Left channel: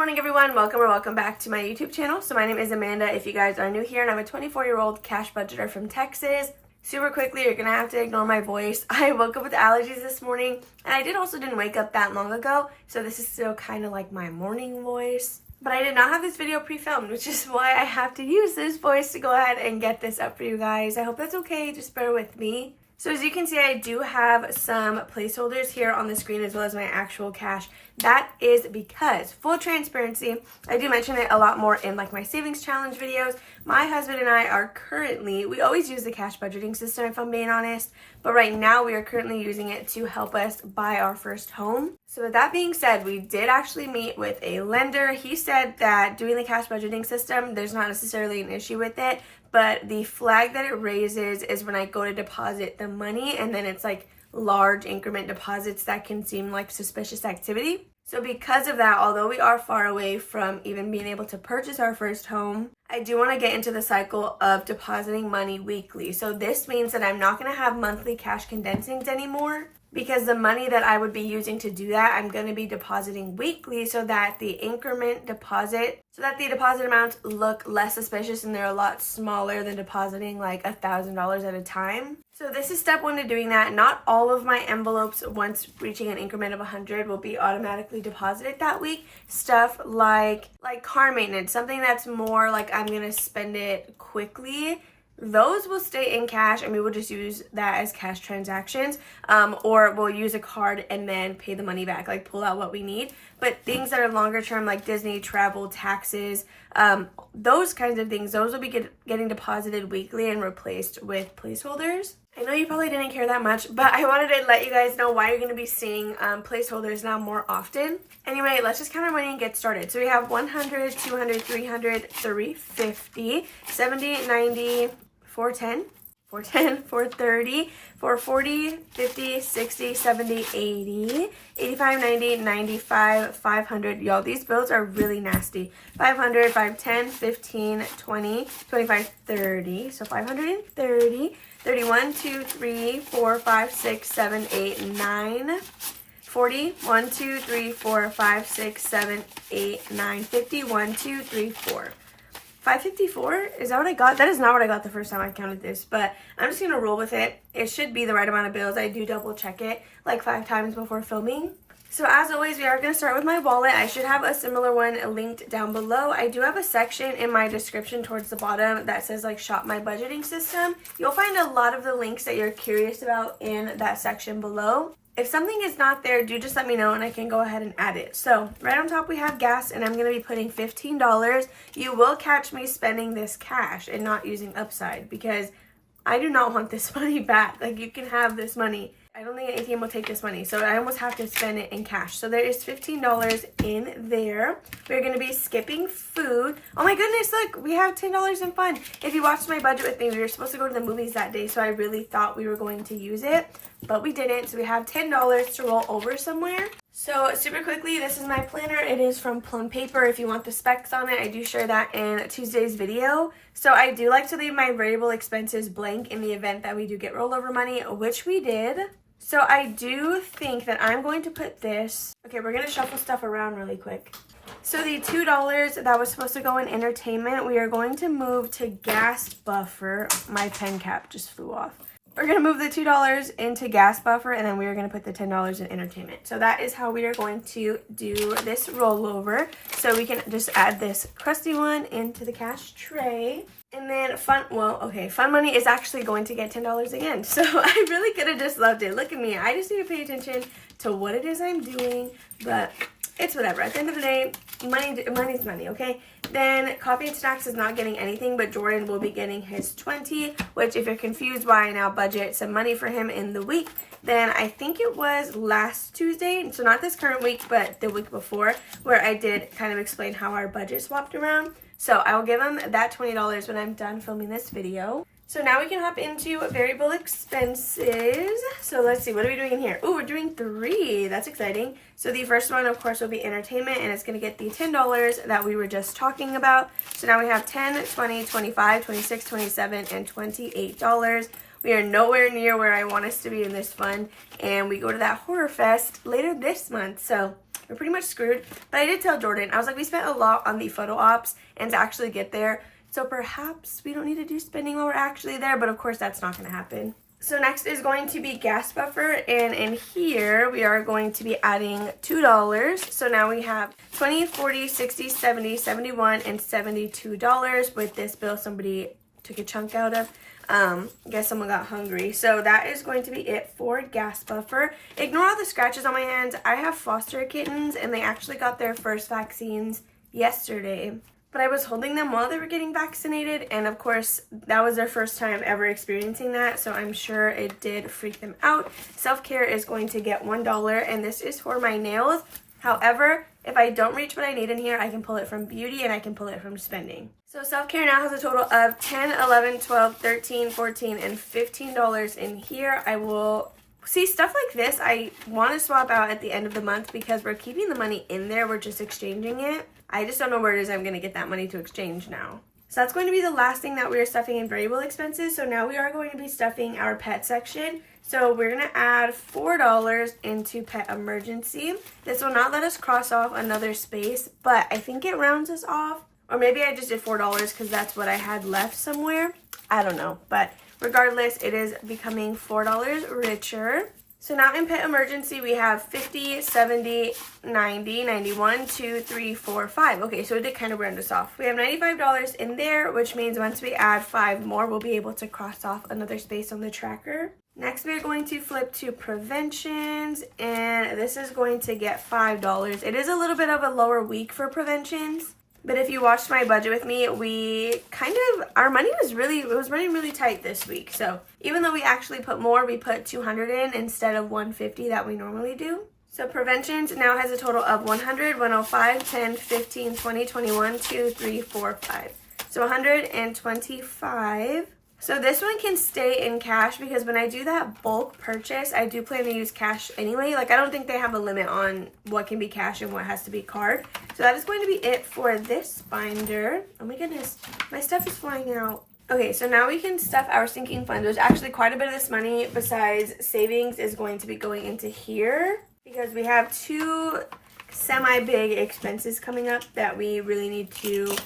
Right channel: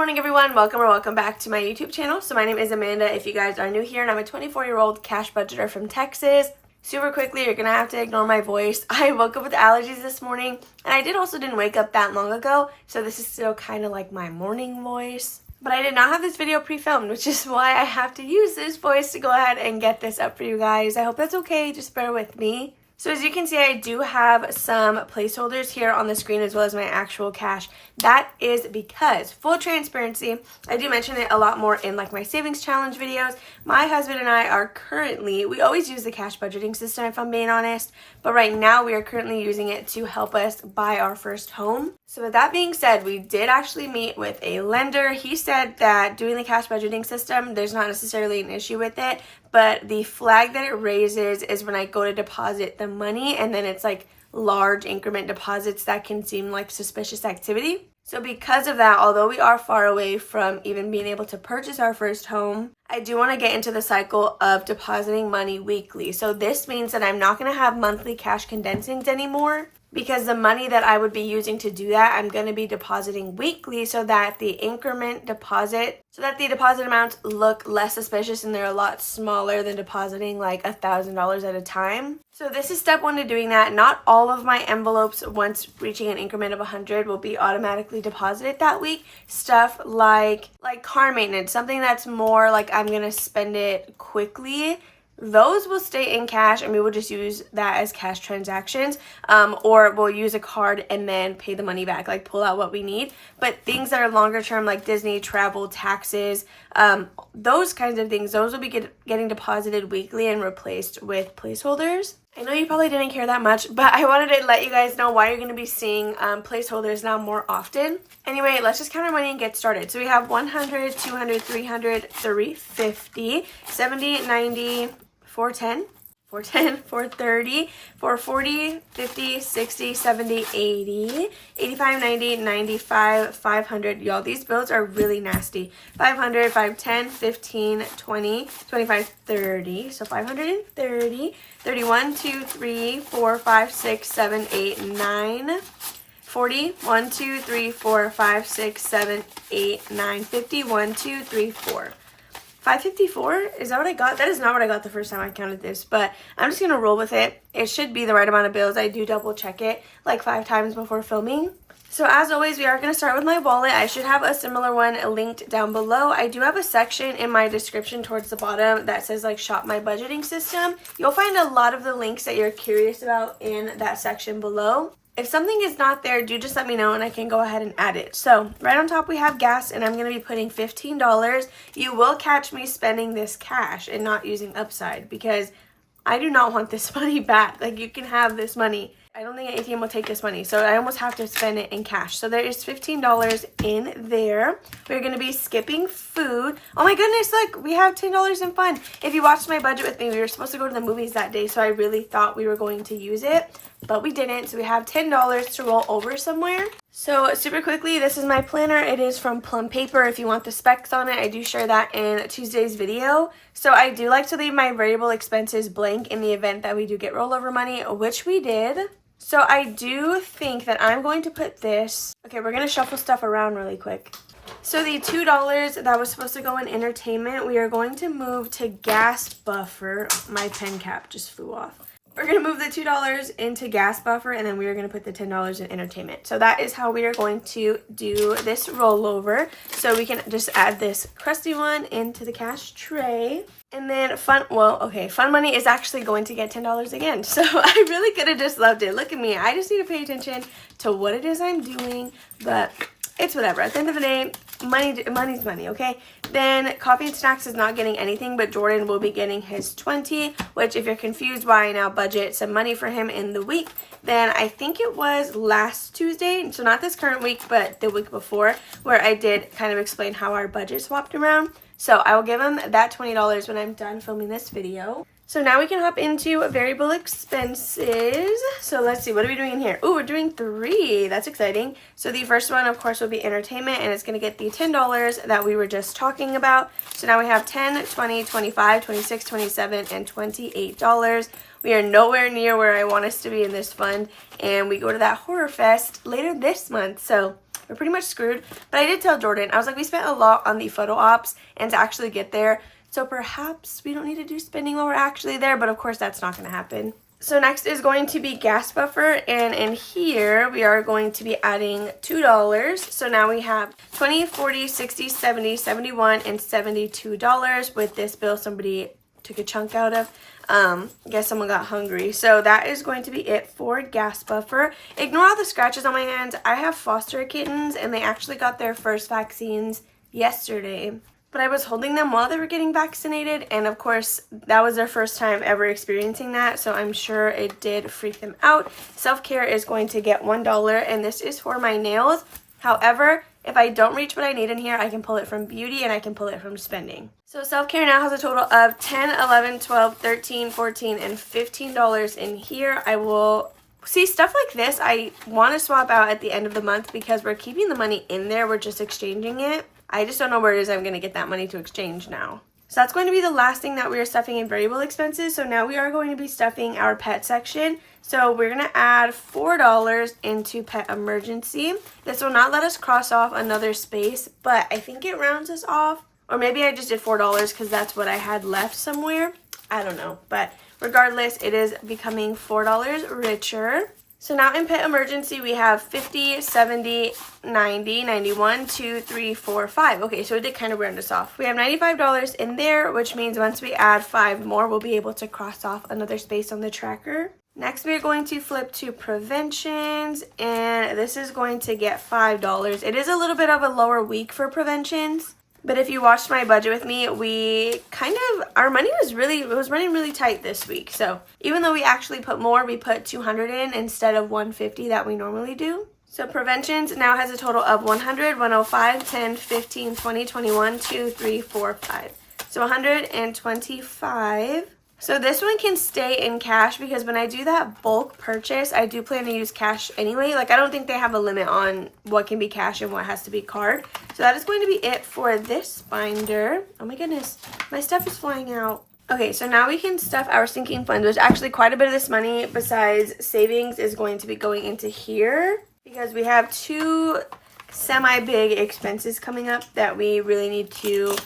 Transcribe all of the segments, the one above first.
morning everyone, welcome back to my YouTube channel. So my name is Amanda if you guys are new here, and I'm a 24-year-old cash budgeter from Texas. Super quickly, you're gonna have to ignore my voice. I woke up with allergies this morning, and I didn't wake up that long ago, so this is still kind of like my morning voice. But I did not have this video pre-filmed, which is why I have to use this voice to go ahead and get this up for you guys. I hope that's okay, just bear with me. So as you can see, I do have some placeholders here on the screen as well as my actual cash. That is because, full transparency, I do mention it a lot more in like my savings challenge videos. My husband and I are currently, we always use the cash budgeting system if I'm being honest, but right now we are currently using it to help us buy our first home. So with that being said, we did actually meet with a lender. He said that doing the cash budgeting system, there's not necessarily an issue with it, but the flag that it raises is when I go to deposit the money and then it's like large increment deposits that can seem like suspicious activity. So because of that, although we are far away from even being able to purchase our first home, I do want to get into the cycle of depositing money weekly. So this means that I'm not going to have monthly cash condensings anymore, because the money that I would be using to do that, I'm going to be depositing weekly so that the deposit amounts look less suspicious and they're a lot smaller than depositing like $1,000 at a time. So this is step one to doing that. Not all of my envelopes, once reaching an increment of 100, will be automatically deposited that week. Stuff like car maintenance, something that's more like I'm going to spend it quickly, those will stay in cash and we will just use that as cash transactions, or we'll use a card and then pay the money back, like pull out what we need. But things that are longer term like Disney, travel, taxes, those kinds of things, those will be getting deposited weekly and replaced with placeholders. I know you probably didn't care that much, but I wanted to let you guys know why you're going to be seeing placeholders now more often. Anyway, let's just count our money and get started. So we have 100, 200, 300, 350, 70, 90, 410, 430, 440, 50, 60, 70, 80, 85, 90, 95, 500. Y'all, these bills are really nasty. 500, 510, 15, 20, 25, 30. So 530, 31, 2, 3, 4, 5, 6, 7, 8, 9, 40, 1, 2, 3, 4, 5, 6, 7, 8, 9, 50, 1, 2, 3, 4. 554? Is that what I got? That is not what I got the first time I counted this, but I'm just going to roll with it. It should be the right amount of bills. I do double check it like 5 times before filming. So as always, we are going to start with my wallet. I should have a similar one linked down below. I do have a section in my description towards the bottom that says like shop my budgeting system. You'll find a lot of the links that you're curious about in that section below. If something is not there, do just let me know and I can go ahead and add it. So right on top we have gas, and I'm going to be putting $15. You will catch me spending this cash and not using Upside because I do not want this money back. Like, you can have this money. I don't think an ATM will take this money, so I almost have to spend it in cash. So there is $15 in there. We're going to be skipping food. Oh my goodness, look, we have $10 in fun. If you watched my budget with me, we were supposed to go to the movies that day, so I really thought we were going to use it, but we didn't. So we have $10 to roll over somewhere. So super quickly, this is my planner. It is from Plum Paper. If you want the specs on it, I do share that in Tuesday's video. So I do like to leave my variable expenses blank in the event that we do get rollover money, which we did. So I do think that I'm going to put this, okay, we're going to shuffle stuff around really quick. So the $2 that was supposed to go in entertainment, we are going to move to gas buffer. My pen cap just flew off. We're going to move the $2 into gas buffer, and then we are going to put the $10 in entertainment. So that is how we are going to do this rollover. So we can just add this crusty one into the cash tray. And then fun money is actually going to get $10 again. So I really could have just loved it. Look at me. I just need to pay attention to what it is I'm doing, but it's whatever. At the end of the day, money's money, okay? Then coffee and snacks is not getting anything, but Jordan will be getting his 20, which if you're confused why I now budget some money for him in the week, then I think it was last Tuesday, so not this current week, but the week before, where I did kind of explain how our budget swapped around. So I will give him that $20 when I'm done filming this video. So now we can hop into variable expenses. So let's see, what are we doing here? Ooh, we're doing 3. That's exciting. So the first one, of course, will be entertainment, and it's going to get the $10 that we were just talking about. So now we have 10, 20, 25, 26, 27, and $28. We are nowhere near where I want us to be in this fund, and we go to that horror fest later this month. So we're pretty much screwed. But I did tell Jordan, I was like, we spent a lot on the photo ops and to actually get there. So perhaps we don't need to do spending while we're actually there, but of course that's not going to happen. So next is going to be gas buffer, and in here we are going to be adding $2. So now we have 20, 40, 60, 70, 71, and $72 with this bill somebody took a chunk out of. I guess someone got hungry. So that is going to be it for gas buffer. Ignore all the scratches on my hands. I have foster kittens and they actually got their first vaccines yesterday. But I was holding them while they were getting vaccinated, and of course, that was their first time ever experiencing that, so I'm sure it did freak them out. Self-care is going to get $1, and this is for my nails. However, if I don't reach what I need in here, I can pull it from beauty, and I can pull it from spending. So self-care now has a total of $10, $11, $12, $13, $14, and $15 in here. I will... See, stuff like this, I want to swap out at the end of the month because we're keeping the money in there. We're just exchanging it. I just don't know where it is I'm going to get that money to exchange now. So that's going to be the last thing that we are stuffing in variable expenses. So now we are going to be stuffing our pet section. So we're going to add $4 into pet emergency. This will not let us cross off another space, but I think it rounds us off. Or maybe I just did $4 because that's what I had left somewhere. I don't know, but regardless, it is becoming $4 richer. So now in pet emergency, we have 50, 70, 90, 91, 2, 3, 4, 5. Okay, so it did kind of round us off. We have $95 in there, which means once we add 5 more, we'll be able to cross off another space on the tracker. Next, we're going to flip to preventions, and this is going to get $5. It is a little bit of a lower week for preventions. But if you watched my budget with me, our money was running really tight this week. So even though we actually put more, we put 200 in instead of 150 that we normally do. So preventions now has a total of 100, 105, 10, 15, 20, 21, 2, 3, 4, 5. So 125. So this one can stay in cash because when I do that bulk purchase, I do plan to use cash anyway. Like, I don't think they have a limit on what can be cash and what has to be card. So that is going to be it for this binder. Oh my goodness, my stuff is flying out. Okay, so now we can stuff our sinking fund. There's actually quite a bit of this money besides savings is going to be going into here because we have 2 semi-big expenses coming up that we really need to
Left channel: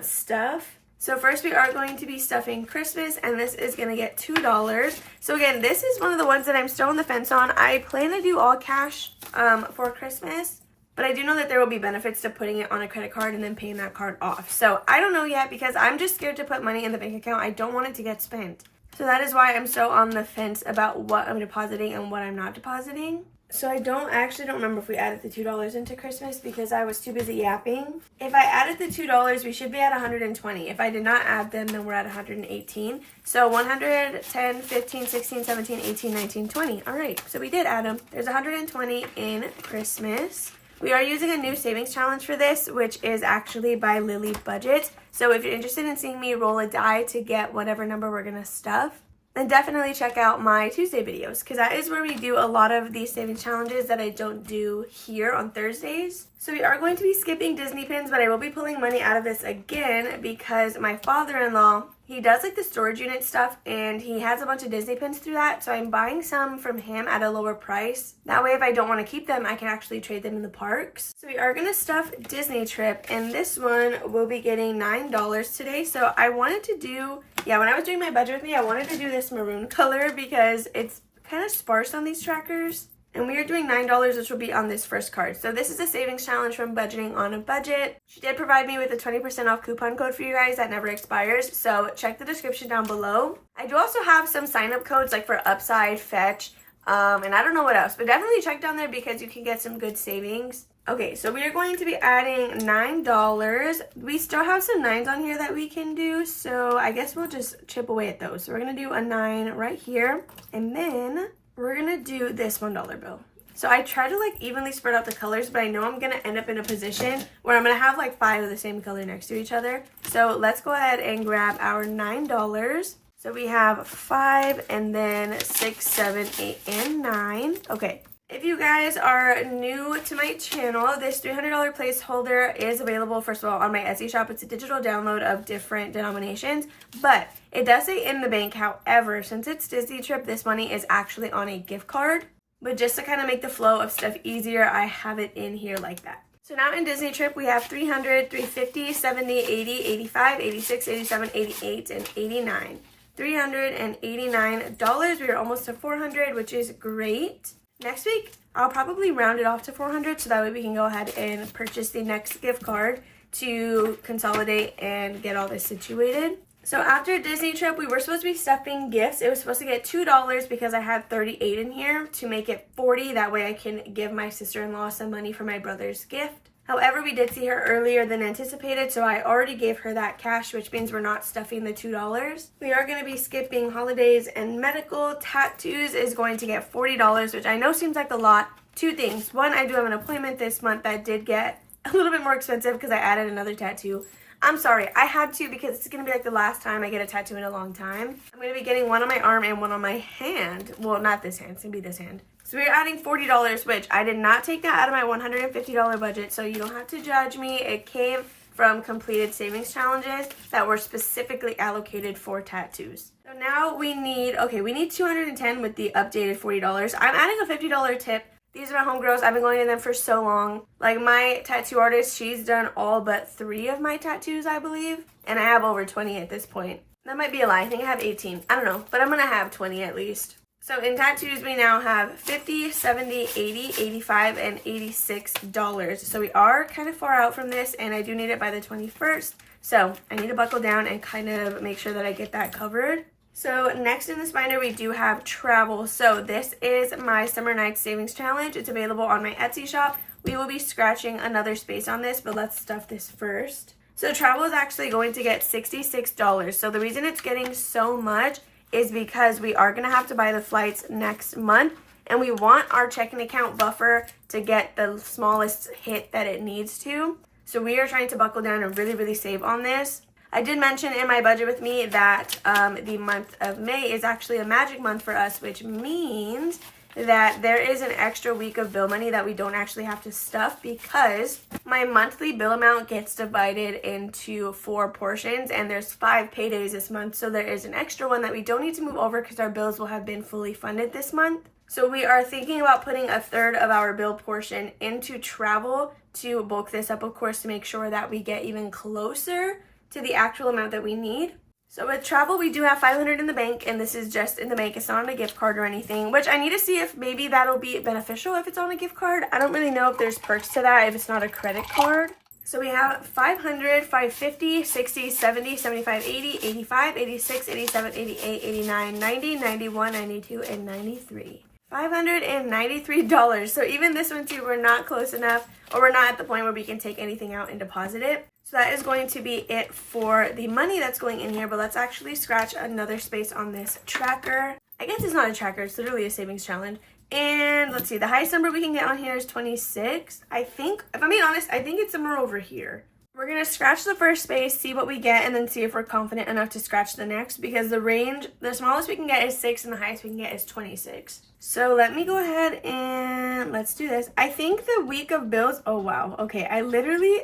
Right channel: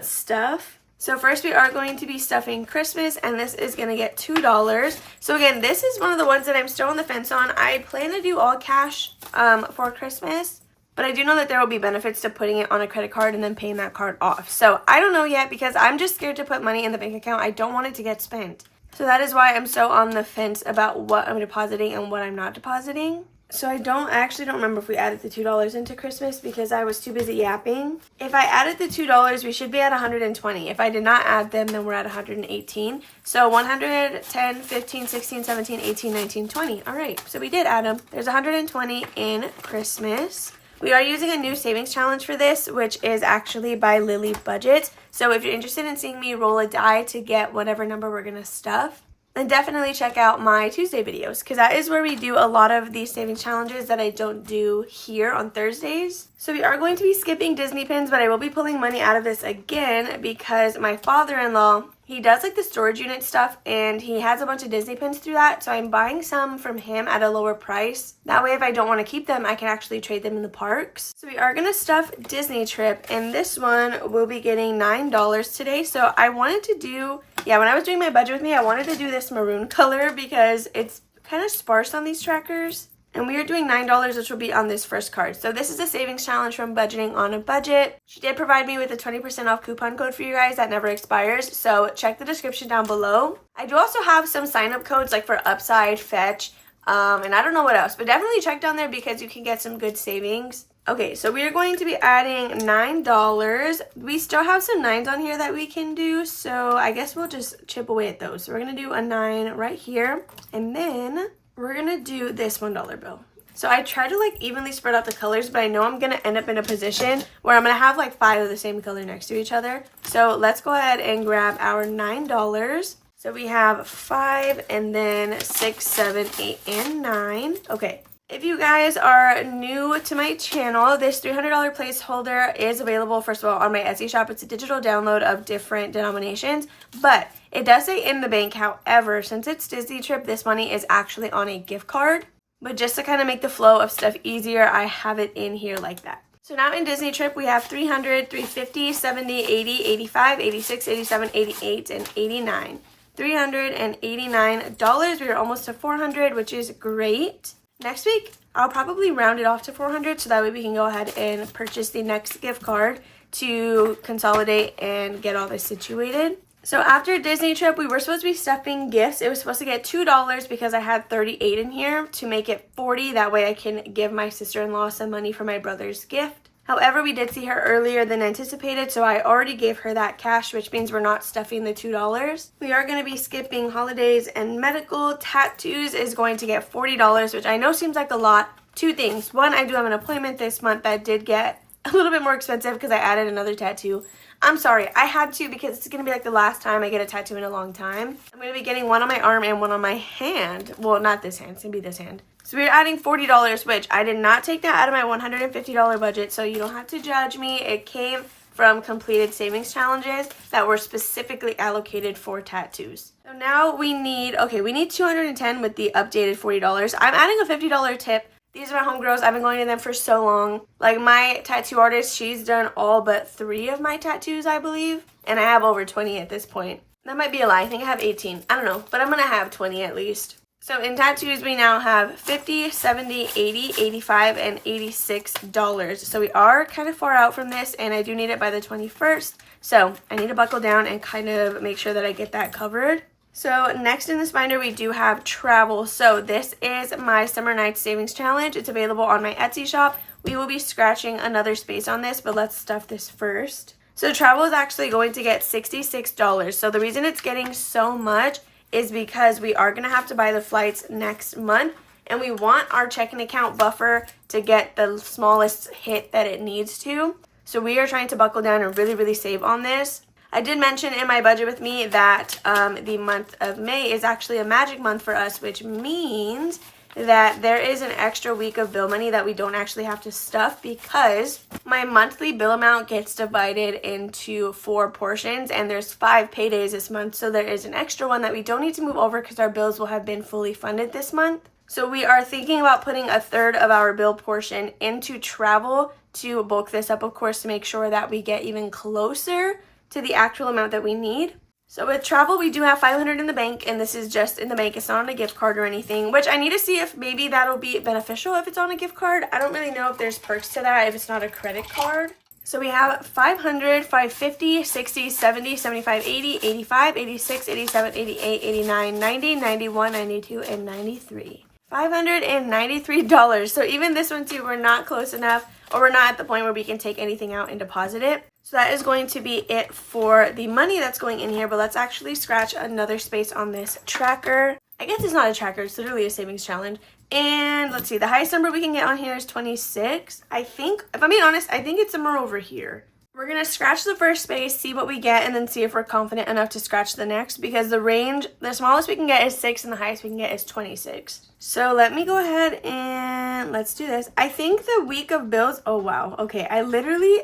stuff. So first we are going to be stuffing Christmas, and this is going to get $2. So again, this is one of the ones that I'm still on the fence on. I plan to do all cash for Christmas, but I do know that there will be benefits to putting it on a credit card and then paying that card off. So I don't know yet because I'm just scared to put money in the bank account. I don't want it to get spent. So that is why I'm so on the fence about what I'm depositing and what I'm not depositing. So I don't remember if we added the $2 into Christmas because I was too busy yapping. If I added the $2, we should be at 120. If I did not add them, then we're at 118. So 110, 15, 16, 17, 18, 19, 20. All right, so we did add them. There's 120 in Christmas. We are using a new savings challenge for this, which is actually by Lily Budget. So if you're interested in seeing me roll a die to get whatever number we're going to stuff, then definitely check out my Tuesday videos because that is where we do a lot of these savings challenges that I don't do here on Thursdays. So we are going to be skipping Disney pins, but I will be pulling money out of this again because my father-in-law, he does like the storage unit stuff and he has a bunch of Disney pins through that. So I'm buying some from him at a lower price. That way if I don't want to keep them, I can actually trade them in the parks. So we are going to stuff Disney trip, and this one will be getting $9 today. So I wanted to do, when I was doing my budget with me, I wanted to do this maroon color because it's kind of sparse on these trackers. And we are doing $9, which will be on this first card. So this is a savings challenge from Budgeting on a Budget. She did provide me with a 20% off coupon code for you guys that never expires. So check the description down below. I do also have some sign-up codes like for Upside, Fetch, and I don't know what else. But definitely check down there because you can get some good savings. Okay, so we are going to be adding $9. We still have some 9s on here that we can do. So I guess we'll just chip away at those. So we're going to do a 9 right here. And then we're going to do this $1 bill. So I try to like evenly spread out the colors, but I know I'm going to end up in a position where I'm going to have like 5 of the same color next to each other. So let's go ahead and grab our $9. So we have 5 and then 6, 7, 8, and 9. Okay. If you guys are new to my channel, this $300 placeholder is available, first of all, on my Etsy shop. It's a digital download of different denominations, but it does say in the bank. However, since it's Disney trip, this money is actually on a gift card. But just to kind of make the flow of stuff easier, I have it in here like that. So now in Disney trip, we have 300, 350, 70, 80, 85, 86, 87, 88, and 89. $389. We are almost to 400, which is great. Next week, I'll probably round it off to 400 so that way we can go ahead and purchase the next gift card to consolidate and get all this situated. So after Disney trip, we were supposed to be stuffing gifts. It was supposed to get $2 because I had 38 in here to make it 40. That way I can give my sister-in-law some money for my brother's gift. However, we did see her earlier than anticipated, so I already gave her that cash, which means we're not stuffing the $2. We are going to be skipping holidays and medical. Tattoos is going to get $40, which I know seems like a lot. Two things. One, I do have an appointment this month that did get a little bit more expensive because I added another tattoo. I'm sorry, I had to because it's going to be like the last time I get a tattoo in a long time. I'm going to be getting one on my arm and one on my hand. Well, not this hand. It's going to be this hand. So we're adding $40, which I did not take that out of my $150 budget, so you don't have to judge me. It came from completed savings challenges that were specifically allocated for tattoos. So now we need 210 with the updated $40. I'm adding a $50 tip. These are my homegirls. I've been going to them for so long. Like my tattoo artist, she's done all but 3 of my tattoos, I believe. And I have over 20 at this point. That might be a lie. I think I have 18. I don't know, but I'm going to have 20 at least. So in tattoos, we now have $50, $70, $80, $85, and $86. So we are kind of far out from this, and I do need it by the 21st. So I need to buckle down and kind of make sure that I get that covered. So next in this binder, we do have travel. So this is my Summer Nights Savings Challenge. It's available on my Etsy shop. We will be scratching another space on this, but let's stuff this first. So travel is actually going to get $66. So the reason it's getting so much is because we are going to have to buy the flights next month, and we want our checking account buffer to get the smallest hit that it needs to. So we are trying to buckle down and really, really save on this. I did mention in my budget with me that the month of May is actually a magic month for us, which means that there is an extra week of bill money that we don't actually have to stuff because my monthly bill amount gets divided into 4 portions and there's 5 paydays this month. So there is an extra one that we don't need to move over because our bills will have been fully funded this month. So we are thinking about putting a third of our bill portion into travel to bulk this up, of course, to make sure that we get even closer to the actual amount that we need. So with travel, we do have $500 in the bank, and this is just in the bank. It's not on a gift card or anything, which I need to see if maybe that'll be beneficial if it's on a gift card. I don't really know if there's perks to that if it's not a credit card. So we have 500, 550, 60, 70, 75, 80, 85, 86, 87, 88, 89, 90, 91, 92, and 93. $593. So even this one too, we're not close enough, or we're not at the point where we can take anything out and deposit it. So that is going to be it for the money that's going in here, but let's actually scratch another space on this tracker. I guess it's not a tracker, it's literally a savings challenge. And let's see, the highest number we can get on here is 26. I think, if I'm being honest, I think it's somewhere over here. We're going to scratch the first space, see what we get, and then see if we're confident enough to scratch the next, because the range, the smallest we can get is 6 and the highest we can get is 26. So let me go ahead and let's do this. I think the week of bills, oh wow, okay, I literally,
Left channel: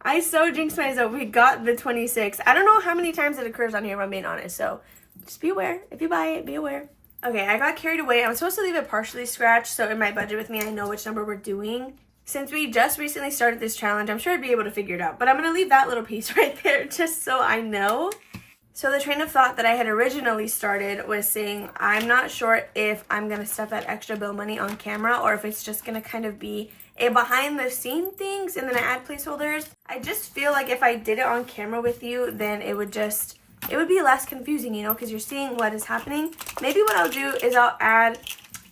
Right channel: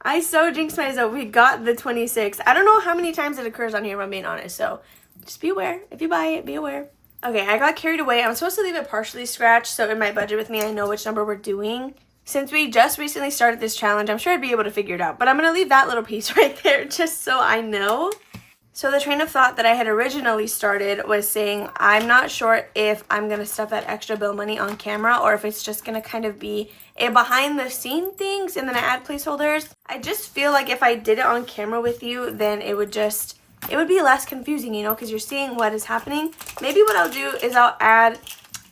I so jinxed myself. We got the 26. I don't know how many times it occurs on here if I'm being honest, so just be aware. If you buy it, be aware. Okay, I got carried away. I'm supposed to leave it partially scratched, so in my budget with me, I know which number we're doing. Since we just recently started this challenge, I'm sure I'd be able to figure it out, but I'm going to leave that little piece right there just so I know. So the train of thought that I had originally started was saying, I'm not sure if I'm going to stuff that extra bill money on camera or if it's just going to kind of be a behind the scene things and then I add placeholders. I just feel like if I did it on camera with you, then it would be less confusing, you know, because you're seeing what is happening. Maybe what I'll do is I'll add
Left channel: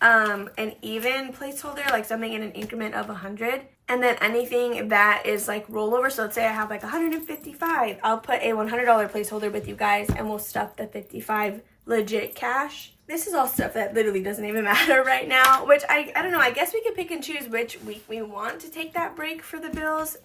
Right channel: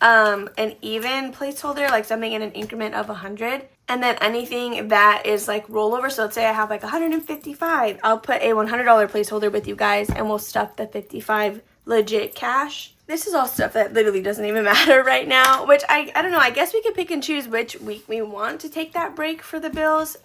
an even placeholder, like something in an increment of 100, and then anything that is like rollover. So let's say I have like 155, I'll put a $100 placeholder with you guys and we'll stuff the 55 legit cash. This is all stuff that literally doesn't even matter right now, which I don't know, I guess we can pick and choose which week we want to take that break for the bills.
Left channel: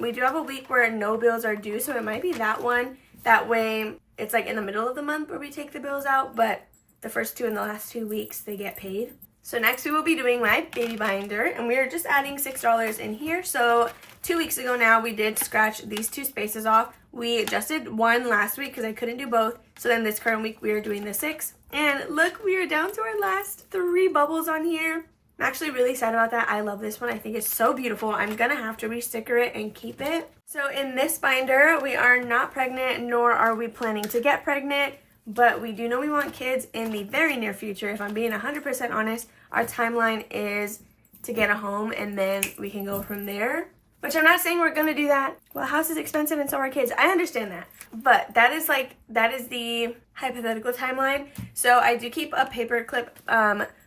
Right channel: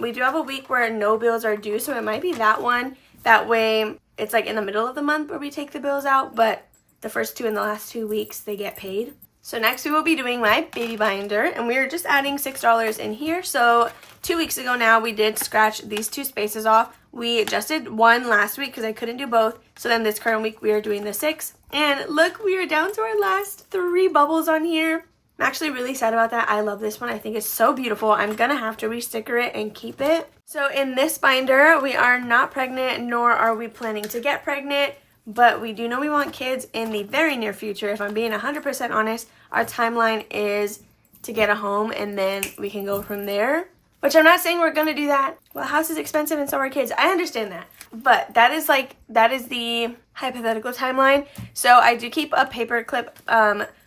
We do have a week where no bills are due, so it might be that one. That way it's like in the middle of the month where we take the bills out, but the first 2 and the last 2 weeks they get paid. So next we will be doing my baby binder, and we are just adding $6 in here. So 2 weeks ago now, we did scratch these 2 spaces off. We just did 1 last week because I couldn't do both. So then this current week we are doing the 6. And look, we are down to our last 3 bubbles on here. I'm actually really sad about that. I love this one. I think it's so beautiful. I'm gonna have to re-sticker it and keep it. So in this binder, we are not pregnant, nor are we planning to get pregnant, but we do know we want kids in the very near future. If I'm being 100% honest, our timeline is to get a home and then we can go from there. Which I'm not saying we're gonna do that. Well, a house is expensive and so are kids. I understand that. But that is the hypothetical timeline. So I do keep a paper clip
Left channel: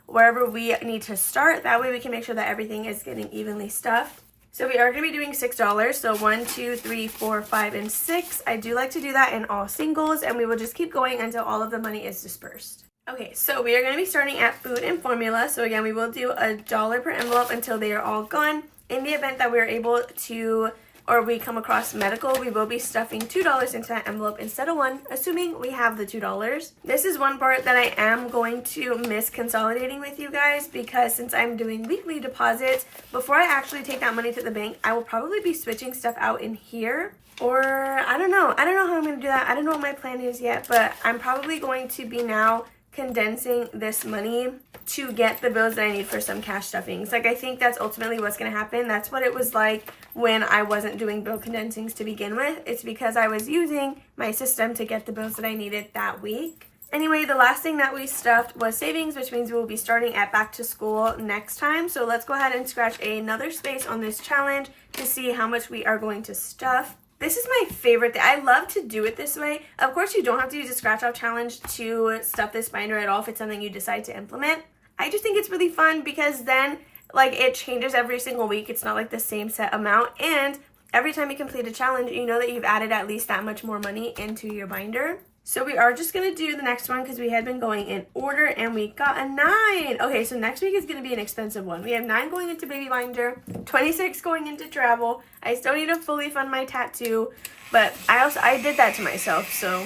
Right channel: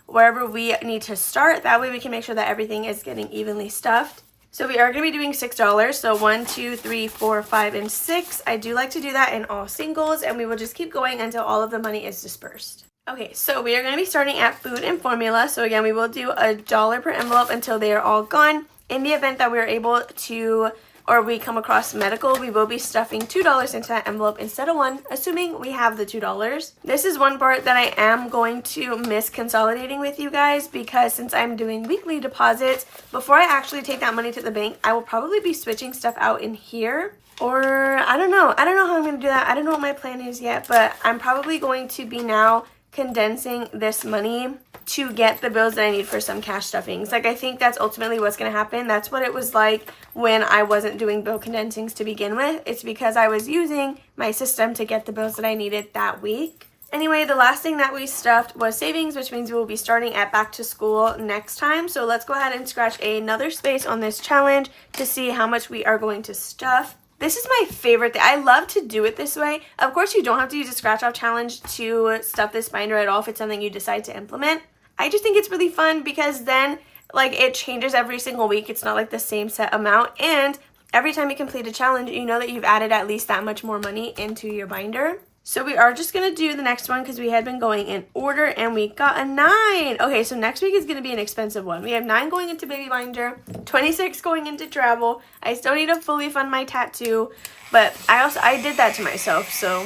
wherever we need to start. That way we can make sure that everything is getting evenly stuffed. So we are going to be doing $6. So 1, 2, 3, 4, 5, and 6. I do like to do that in all singles, and we will just keep going until all of the money is dispersed. Okay, so we are going to be starting at food and formula. So again, we will do $1 per envelope until they are all gone. In the event that we are able to, or we come across medical, we will be stuffing $2 into that envelope instead of 1, assuming we have the $2. This is one part that I am going to miss consolidating with you guys, because since I'm doing weekly deposits, before I actually take that money to the bank, I will probably be switching stuff out in here. Or I don't know how I'm going to do that. I don't know what my plan is yet, but I'm probably going to be now condensing this money to get the bills that I need for some cash stuffings. Like, I think that's ultimately what's going to happen. That's what it was like when I wasn't doing bill condensings to begin with. It's because I was using my system to get the bills that I needed that week. Anyway, the last thing that we stuffed was savings, which means we will be starting at back to school next time. So let's go ahead and scratch another space on this challenge to see how much we are going to stuff. This is my favorite thing. I love to do it this way. Of course, you don't have to use a scratch off challenge to stuff this binder at all if it's something you decide to implement. I just think it's really fun because then, like, it changes every single week. It's not like the same set amount. And every time you complete a challenge, you know that you've added at least that much more money into your binder. So we are just going to do the next one because we had been going in order and we got a 9. Okay, so next week is going to be an expensive one. We have 9 going into baby binder, 26 going into travel. I still need to fully fund my tattoo, but I did that to myself. So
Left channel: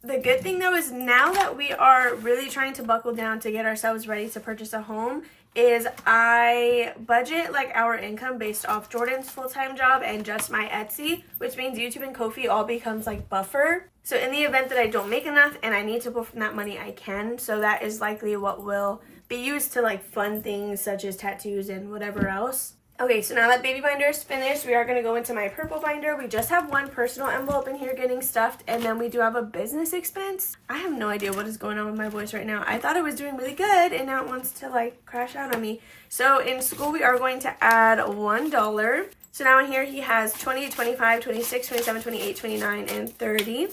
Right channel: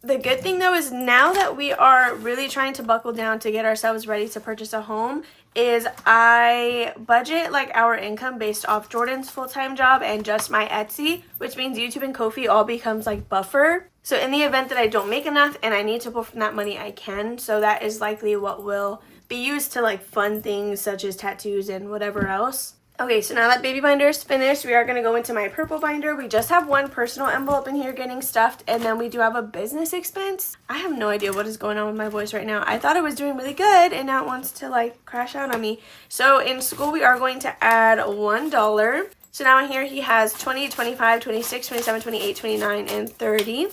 the good thing though is now that we are really trying to buckle down to get ourselves ready to purchase a home, is I budget like our income based off Jordan's full-time job and just my Etsy, which means YouTube and Ko-fi all becomes like buffer. So in the event that I don't make enough and I need to pull from that money, I can. So that is likely what will be used to like fund things such as tattoos and whatever else. Okay, so now that baby binder is finished, we are going to go into my purple binder. We just have 1 personal envelope in here getting stuffed, and then we do have a business expense. I have no idea what is going on with my voice right now. I thought it was doing really good, and now it wants to like crash out on me. So in school, we are going to add $1. So now in here, he has 20, 25, 26, 27, 28, 29, and 30.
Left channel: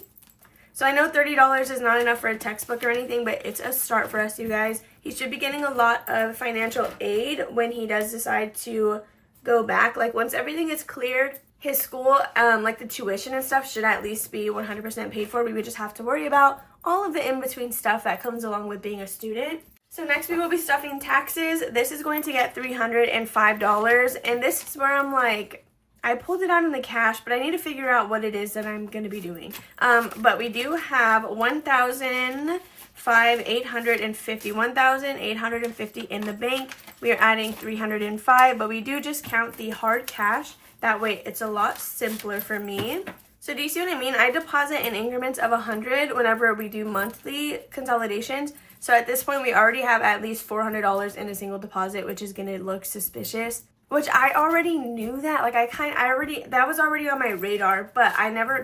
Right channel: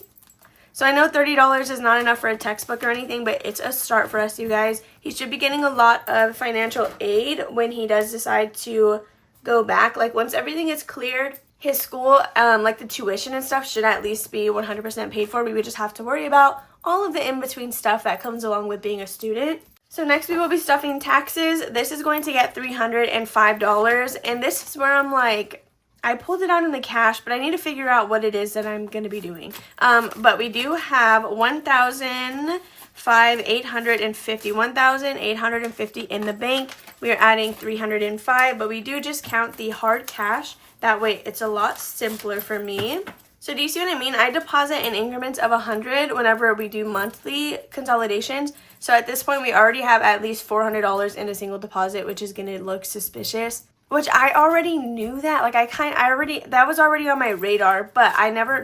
So I know $30 is not enough for a textbook or anything, but it's a start for us, you guys. He should be getting a lot of financial aid when he does decide to go back. Like, once everything is cleared, his school, like the tuition and stuff, should at least be 100% paid for. We would just have to worry about all of the in-between stuff that comes along with being a student. So next we will be stuffing taxes. This is going to get $305, and this is where I'm like, I pulled it out in the cash, but I need to figure out what it is that I'm going to be doing. But we do have $1,850 in the bank. We are adding $305, but we do just count the hard cash. That way it's a lot simpler for me. So do you see what I mean? I deposit in increments of 100 whenever we do monthly consolidations. So at this point, we already have at least $400 in a single deposit, which is going to look suspicious. Which I already knew that. Like, that was already on my radar, but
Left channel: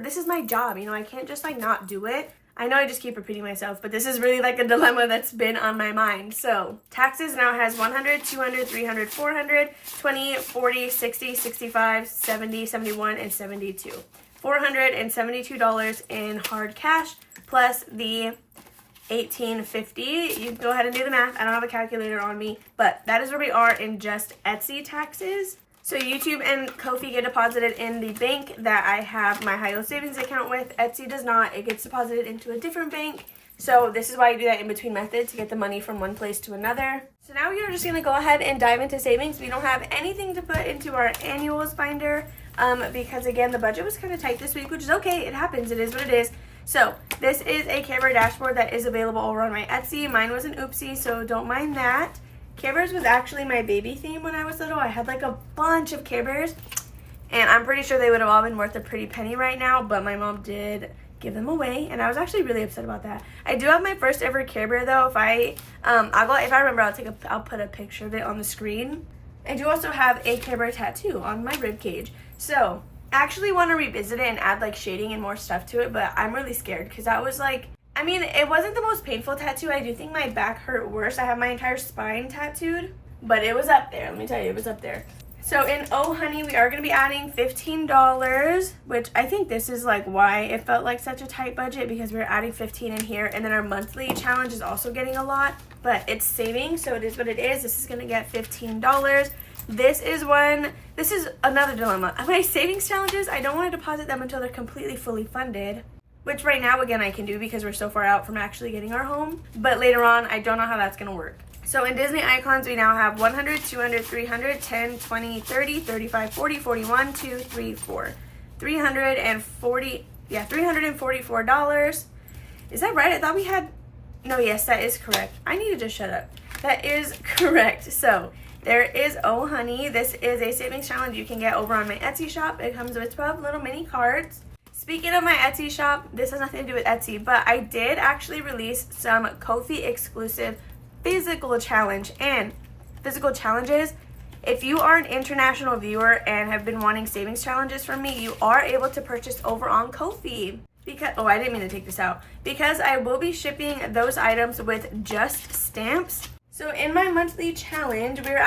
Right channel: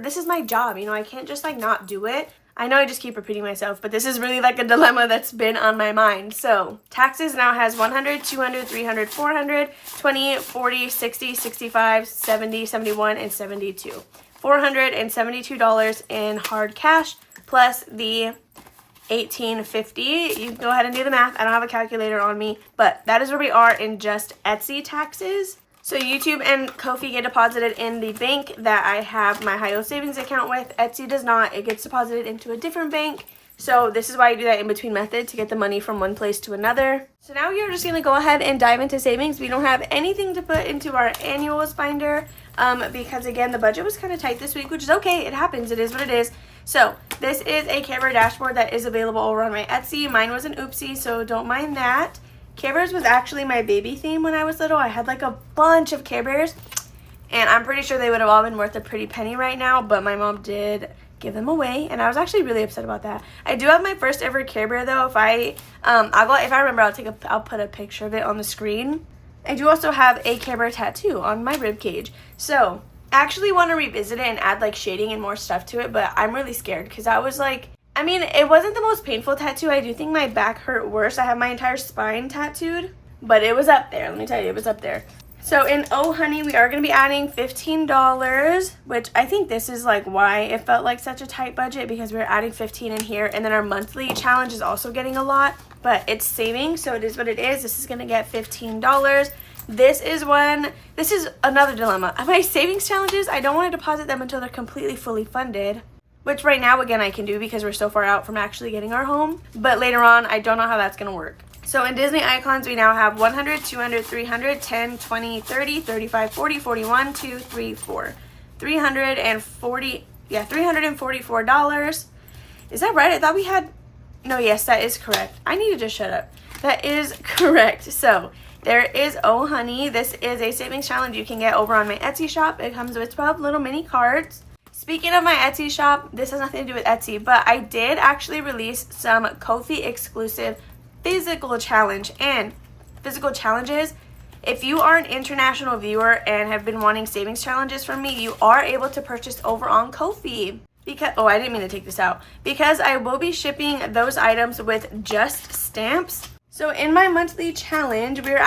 this is my job, you know, I can't just like not do it. I know I just keep repeating myself, but this is really like a dilemma that's been on my mind. So taxes now has 100, 200, 300, 400, 20, 40, 60, 65, 70, 71, and 72. $472 in hard cash plus the $1,850. You can go ahead and do the math. I don't have a calculator on me, but that is where we are in just Etsy taxes. So YouTube and Ko-fi get deposited in the bank that I have my high-yield savings account with. Etsy does not. It gets deposited into a different bank. So this is why I do that in-between method, to get the money from one place to another. So now we are just going to go ahead and dive into savings. We don't have anything to put into our annuals binder because, again, the budget was kind of tight this week, which is okay. It happens. It is what it is. So this is a Care Bear dashboard that is available over on my Etsy. Mine was an oopsie, so don't mind that. Care Bears was actually my baby theme when I was little. I had like a bunch of Care Bears, And I'm pretty sure they would have all been worth a pretty penny right now, but my mom did give them away, and I was actually really upset about that. I do have my first ever Care Bear though. If I remember, I'll put a picture of it on the screen. I do also have a Care Bear tattoo on my rib cage. So I actually want to revisit it and add like shading and more stuff to it, but I'm really scared because I was like, I mean, it wasn't the most painful tattoo. I do think my back hurt worse. I have my entire spine tattooed, but it was up there. Let me tell you, it was up there. So in Oh Honey, we are going to be adding $15, which I think this is like why it felt like such a tight budget, because we're adding 15 in here. And then our monthly challenge is also getting a lot, but it's saving, so it is what it is. This is going to get $15. This is another dilemma. My savings challenges, I don't want to deposit them until they're completely fully funded, which right now, again, I can do because we're so far out from actually getting our home. But later on, I don't know how that's going to work. So in Disney Icons, we now have 100, 200, 300, 10, 20, 30, 35, 40, 41, 2, 3, 4. $344. Is that right? I thought we had... No, yes, that is correct. I need to just shut up. That is correct. So there is Oh Honey. This is a savings challenge you can get over on my Etsy shop. It comes with 12 little mini cards. Speaking of my Etsy shop, this has nothing to do with Etsy, but I did actually release some Ko-fi exclusive physical challenge. And physical challenges, if you are an international viewer and have been wanting savings challenges from me, you are able to purchase over on Ko-fi. Because I didn't mean to take this out, because I will be shipping those items with just stamps. So in my monthly challenge, we were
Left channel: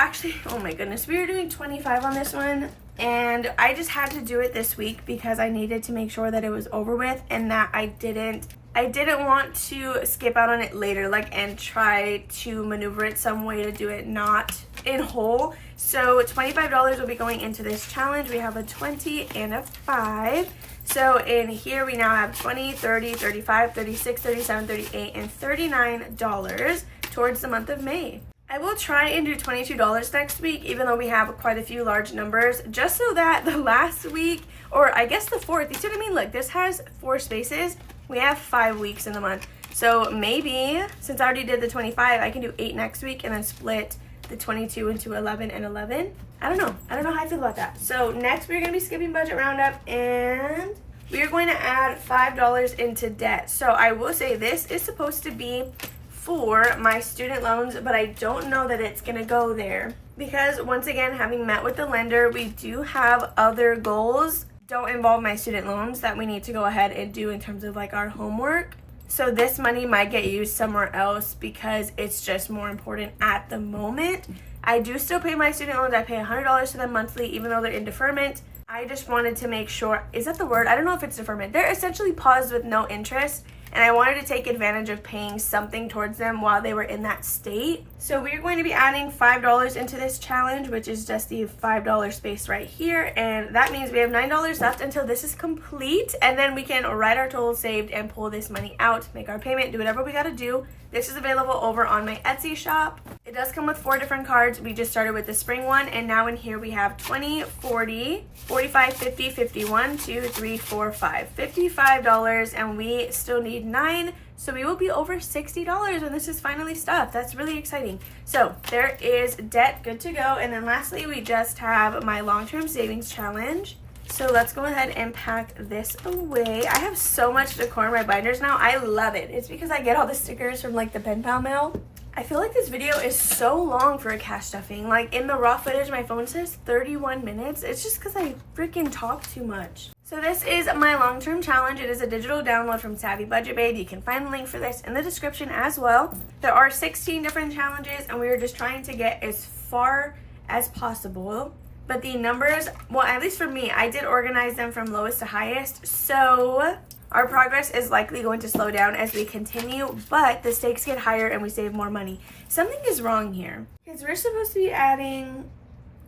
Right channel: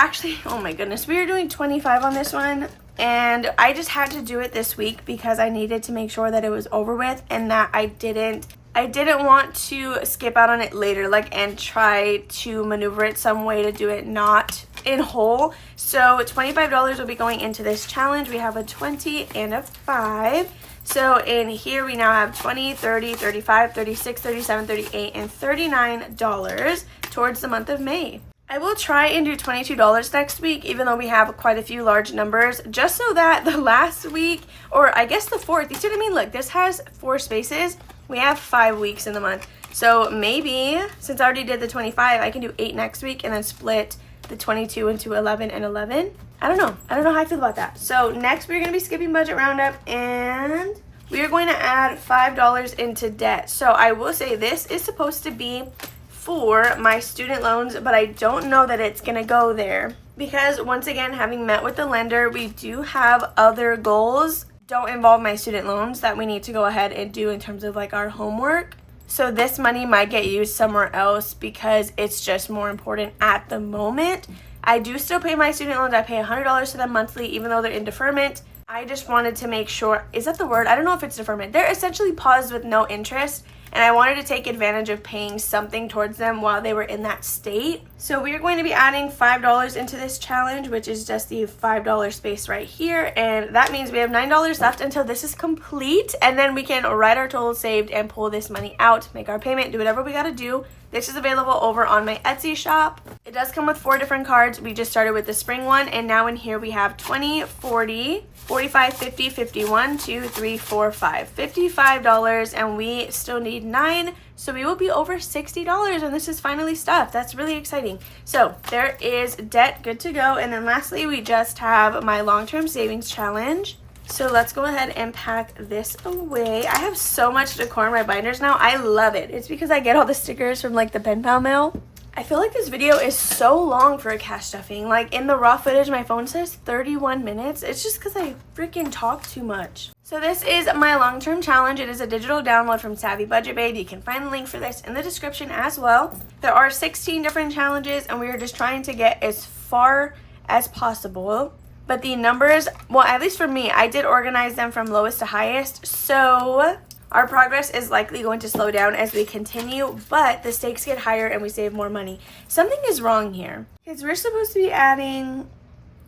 doing 25 on this one, and I just had to do it this week because I needed to make sure that it was over with, and that I didn't want to skip out on it later, and try to maneuver it some way to do it not in whole. So $25 will be going into this challenge. We have a 20 and a 5. So in here we now have 20, 30, 35, 36, 37, 38, and $39 towards the month of May. I will try and do $22 next week, even though we have quite a few large numbers, just so that the last week, or I guess the 4th, you see what I mean? Look, this has 4 spaces. We have 5 weeks in the month. So maybe, since I already did the 25, I can do 8 next week and then split the 22 into 11 and 11. I don't know how I feel about that. So next we're going to be skipping budget roundup, and we are going to add $5 into debt. So I will say this is supposed to be for my student loans, but I don't know that it's going to go there, because once again, having met with the lender, we do have other goals don't involve my student loans that we need to go ahead and do in terms of our homework. So this money might get used somewhere else because it's just more important at the moment. I do still pay my student loans. I pay $100 to them monthly, even though they're in deferment. I just wanted to make sure, is that the word? I don't know if it's deferment. They're essentially paused with no interest, and I wanted to take advantage of paying something towards them while they were in that state. So we're going to be adding $5 into this challenge, which is just the $5 space right here. And that means we have $9 left until this is complete. And then we can write our total saved and pull this money out, make our payment, do whatever we got to do. This is available over on my Etsy shop. It does come with 4 different cards. We just started with the spring one, and now in here we have 20, 40, 45, 50, 51, 2, 3, 4, 5. $55, and we still need 9. So we will be over $60 when this is finally stuffed. That's really exciting. So there is debt good to go. And then lastly, we just have my long-term savings challenge. So let's go ahead and pack this away. I have so much decor in my binders now. I love it. It's because I get all the stickers from the pen pal mail. I feel like this video is so long for a cash stuffing. In the raw footage, my phone says 31 minutes. It's just because I freaking talk too much. So this is my long-term challenge. It is a digital download from Savvy Budget Babe. You can find the link for this in the description as well. There are 16 different challenges, and we are just trying to get as far as possible. But the numbers, well, at least for me, I did organize them from lowest to highest. So our progress is likely going to slow down as we continue, but the stakes get higher and we save more money. Something is wrong here, because we're supposed to be adding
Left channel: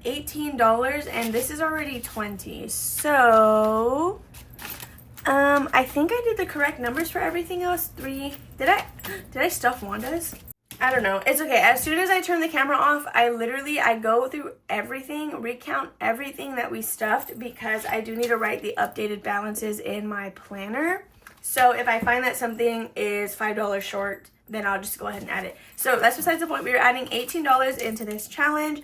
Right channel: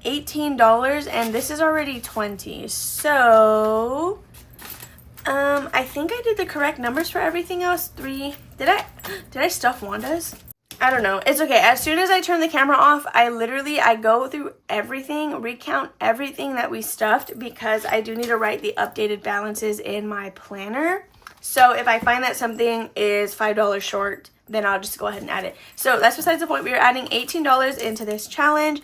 $18 and this is already $20. So I think I did the correct numbers for everything else. 3. Did I stuff Wanda's? I don't know. It's okay. As soon as I turn the camera off, I go through everything, recount everything that we stuffed, because I do need to write the updated balances in my planner. So if I find that something is $5 short, then I'll just go ahead and add it. So that's besides the point. We are adding $18 into this challenge,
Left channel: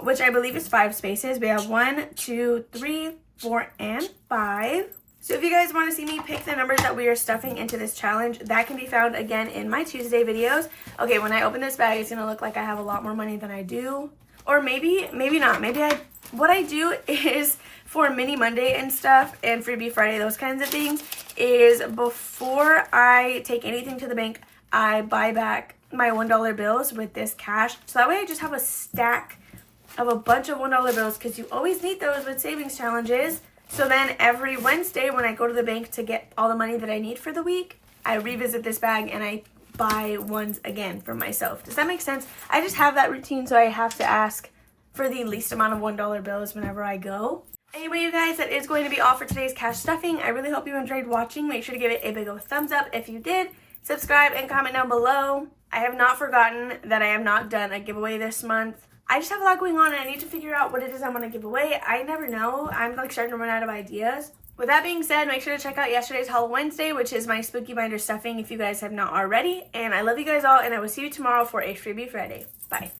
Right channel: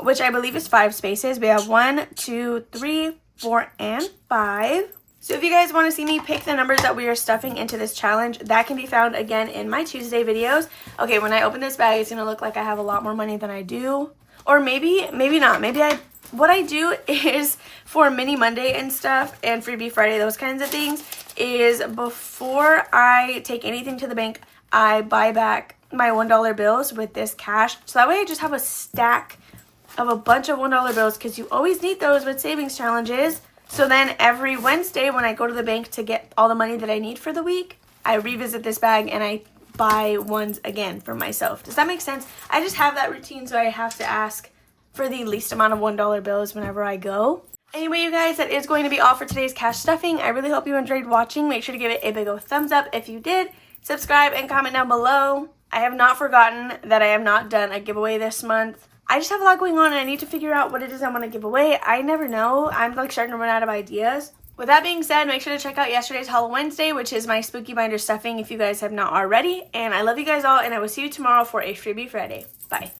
which I believe is 5 spaces. We have 1, 2, 3, 4, and 5. So if you guys want to see me pick the numbers that we are stuffing into this challenge, that can be found again in my Tuesday videos. Okay, when I open this bag, it's going to look like I have a lot more money than I do. Or maybe not. What I do is for Mini Monday and stuff and Freebie Friday, those kinds of things, is before I take anything to the bank, I buy back my $1 bills with this cash. So that way I just have a stack of a bunch of $1 bills because you always need those with savings challenges. So then every Wednesday when I go to the bank to get all the money that I need for the week, I revisit this bag and I buy ones again for myself. Does that make sense? I just have that routine, so I have to ask for the least amount of $1 bills whenever I go. Anyway, you guys, that is going to be all for today's cash stuffing. I really hope you enjoyed watching. Make sure to give it a big old thumbs up if you did. Subscribe and comment down below. I have not forgotten that I have not done a giveaway this month. I just have a lot going on and I need to figure out what it is I want to give away. I never know. I'm like starting to run out of ideas. With that being said, make sure to check out yesterday's Halloween Wednesday, which is my Spooky Binder stuffing if you guys have not already. And I love you guys all, and I will see you tomorrow for a Freebie Friday. Bye.